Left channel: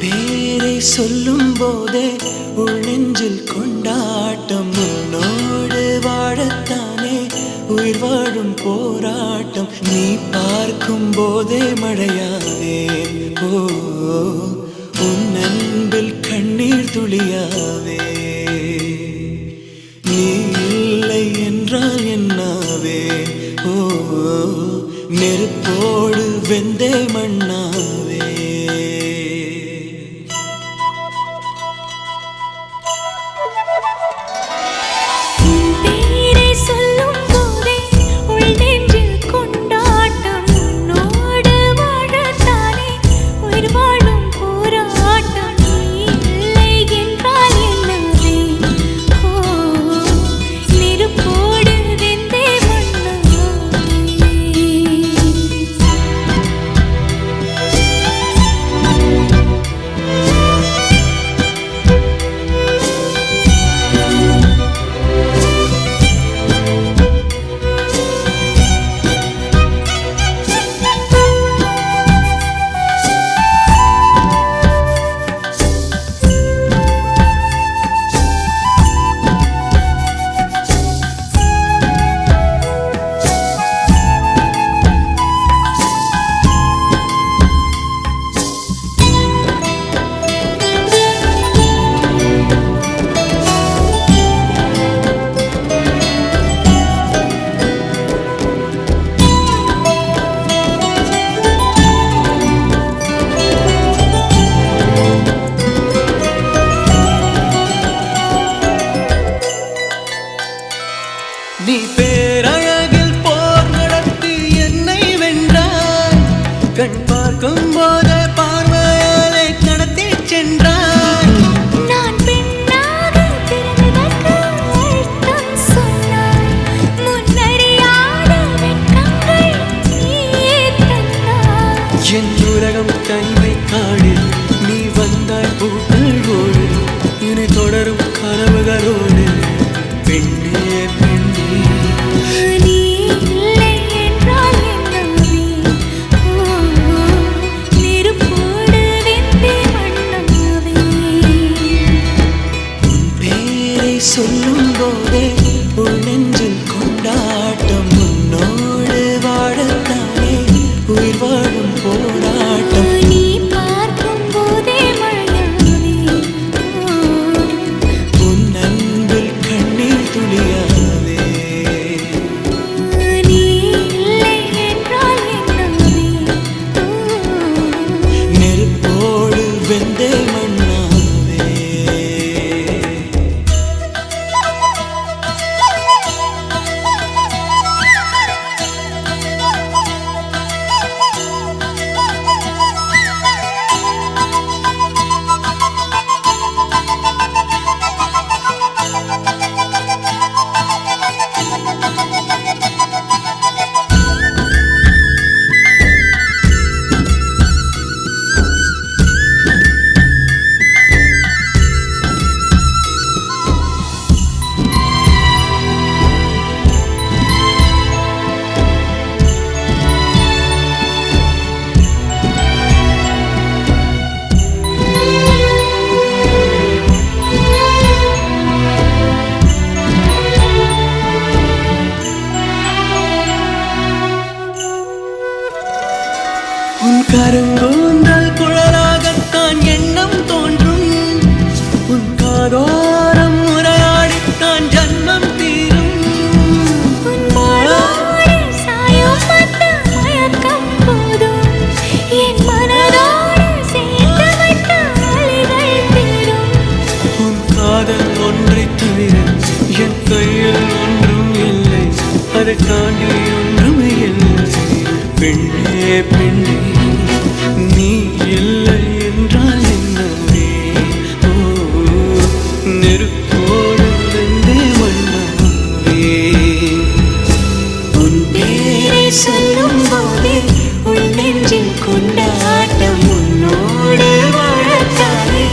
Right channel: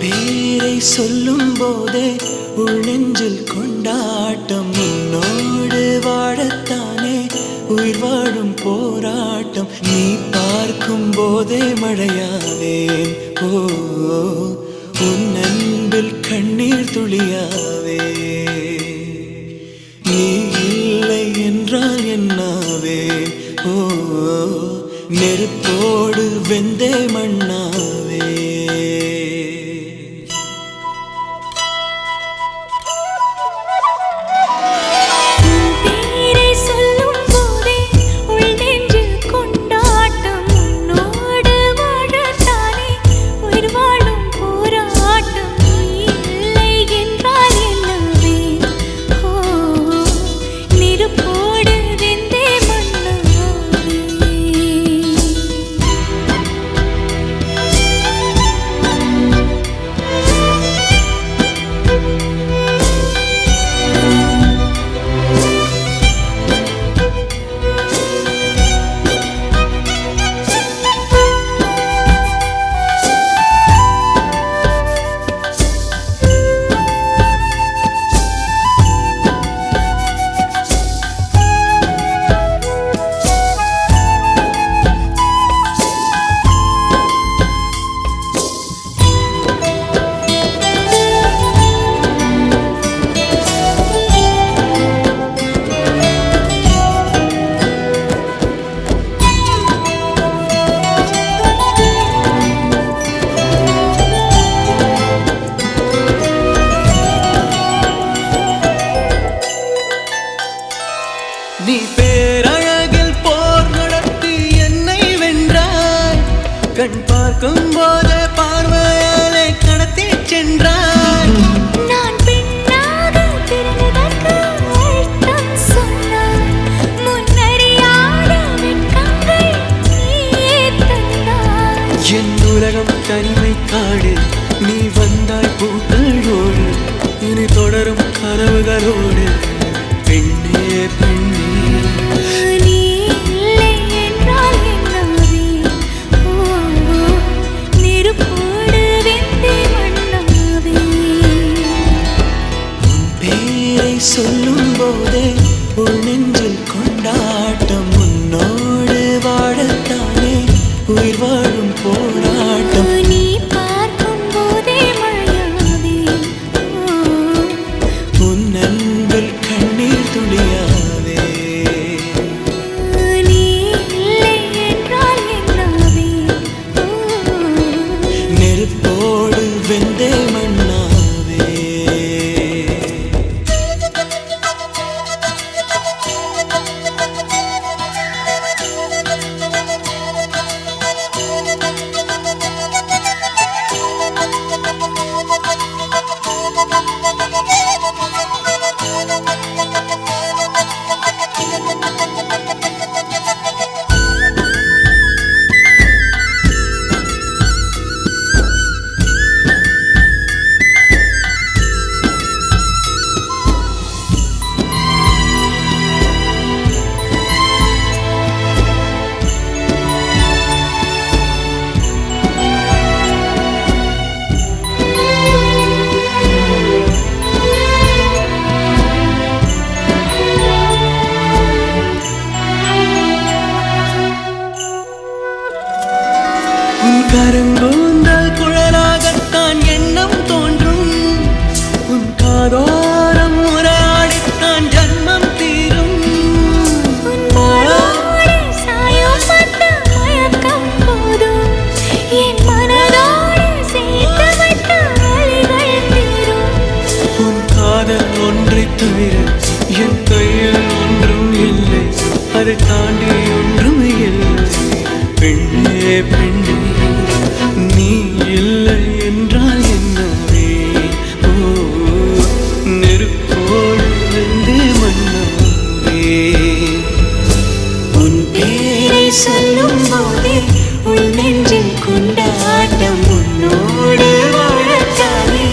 பேரை சொல்லும் போதே உள்ளெஞ்சில் கொண்டாட்டம். உன்னோடு வாழத்தானே உயிர் வாழும் போராட்டம். நீ பார்க்கும் போதே மழையாவேன். ஓ உன் அன்பில் கண்ணீர் துளியாவே. நீ இல்லை என்றால் என்னாவேன். ஓ நெருப்போடு வெந்தே மண்ணாவே. நீ பேரழகில் போர் நடத்தி என்னை வென்றாய். கண் பார்க்கும் போதே பார்வையாலே கடத்தி சென்றாய். நான் பெண்ணாக பிறந்ததற்கு அர்த்தம் சொன்னாய். முன்னறியாத வெட்கங்கள் நீயே தந்தாய். என் உலகம் தனிமை காடு. நீ வந்தாய் பூக்களோடு. இனி தொடரும் கனவுகளோடு. பெண்ணே பெண்ணே நீ இல்லை என்றால் என்னாவே. நெருப்போடு வெந்தே மண்ணாவே. உன் பேரை சொல்லும் போதே உள் நெஞ்சில் கொண்டாட்டம். உன்னோடு வாழத்தானே உயிர் வாழும் போராட்டம். நீ பார்க்கும் போதே மழையாவே. உன் அன்பில் கண்ணீர் துளியாவே. நீ இல்லை என்றால் என்னாவே. நெருப்போடு வெந்தே மண்ணாவே. உன் கருங்கூந்தல் குழலாகத்தான் எண்ணம் தோன்றும். உன் காதோரம் உரையாடித்தான் ஜன்மம் தீரும். உன் மாளோடு சாயும் மத்த மயக்கம் போதும். என் மனதோடு சேர்த்து வைத்த வலிகள் தீரும். உன் காதல் ஒன்றை தவிர என் கையில் ஒன்றும் இல்லை. அதை தாண்டி ஒன்றும் இல்லை. பெண்ணே பெண்ணே நீ இல்லை என்றால் என்னவே. ஓ நெருப்போடு வெந்தே மண்ணாவே. உன் பேரை சொல்லும் போதே உள் நெஞ்சில் கொண்டாட்டம். உன்னோடு வாழத்தானே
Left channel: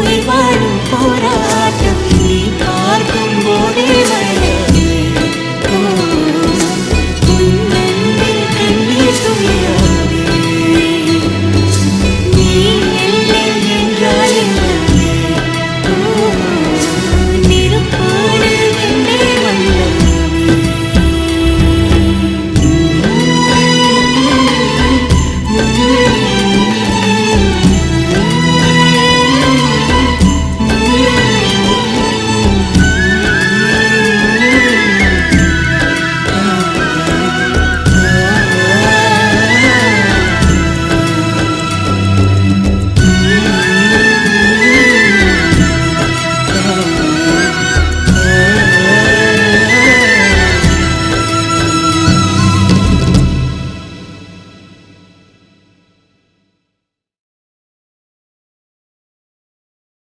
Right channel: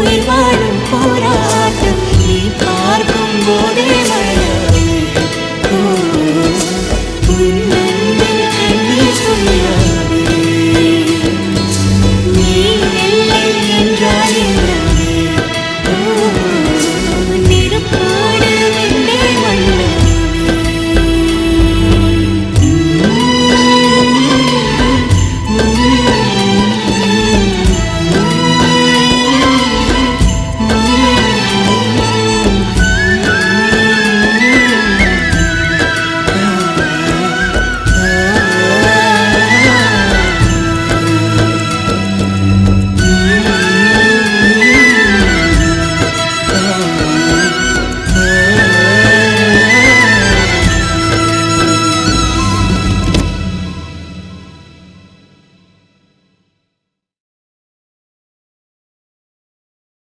உயிர் வாழும் போராட்டம். நீ பார்க்கும் போதே மழை